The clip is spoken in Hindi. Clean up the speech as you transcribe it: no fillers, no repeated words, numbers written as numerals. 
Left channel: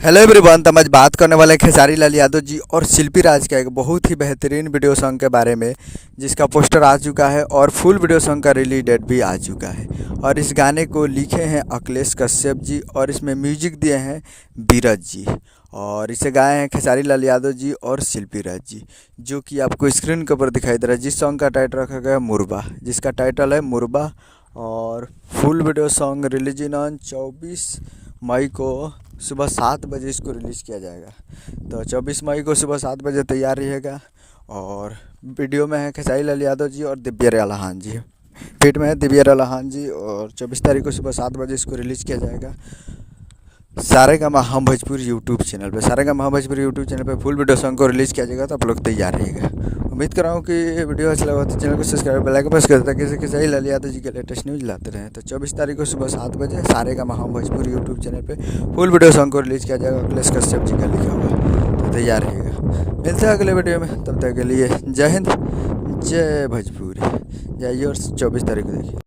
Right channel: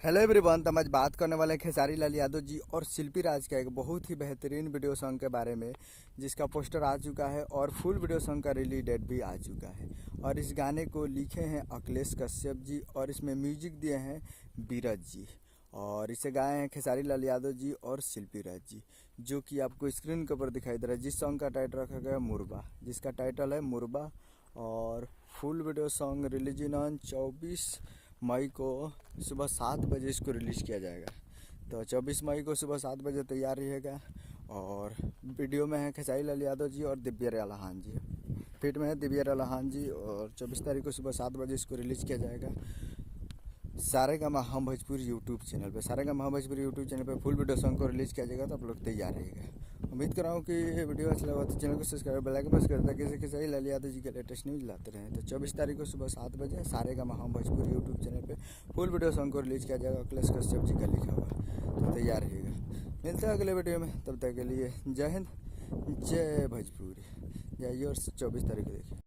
Hello everyone. तो हम आज बात करने वाले हैं खेसारी लाल यादव जी और शिल्पी राज का एक बहुत ही बेहतरीन वीडियो सॉन्ग के बारे में, जिसका पोस्टर आ चुका है और फुल वीडियो सॉन्ग का रिलीज डेट भी आ चुका है। और इस गाने को लिखे हैं अखिलेश कश्यप जी और इसमें म्यूजिक दिए हैं बीरज जी। और इसे गाए हैं खेसारी लाल यादव जी और शिल्पी राज जी, जो कि आपको स्क्रीन के ऊपर दिखाई दे रहा है। जिस सॉन्ग का टाइटल रखा गया है मुरबा, जिसका टाइटल है मुरबा। और full video song releasing on 24 मई को सुबह 7 बजे इसको रिलीज़ किया जाएगा। तो 24 मई को सुबह 7 बजे तैयार रहिएगा। और वीडियो में है खेसारी लाल यादव जी और दिव्या रलाहान जी, फीट में है दिव्या रलाहान जी। और 24 तारीख को सुबह 7 बजे इसको रिलीज़ किया जाएगा सारेगामा हम भोजपुर यूट्यूब चैनल पे। सारेगामा हम भोजपुर यूट्यूब चैनल पे फुल वीडियो सॉन्ग को रिलीज़ किया जाएगा, तो आप लोग तैयार रहिएगा। उम्मीद कर रहा हूँ कि वीडियो अच्छा लगा तो चैनल को सब्सक्राइब, बेल आइकन प्रेस कर दें ताकि खेसारी लाल यादव जी के लेटेस्ट न्यूज़ लाते रहें। तो 24 तारीख को सुबह 7 बजे सारेगामा हम भोजपुर यूट्यूब चैनल पे फुल वीडियो सॉन्ग को रिलीज़ किया जाएगा। अखिलेश कश्यप जी का लिखा हुआ, तो तैयार रहिएगा। मिलते हैं अगले वीडियो में, तब तक के लिए जय हिंद, जय भोजपुरी। जाइए और 24 तारीख को देखिए।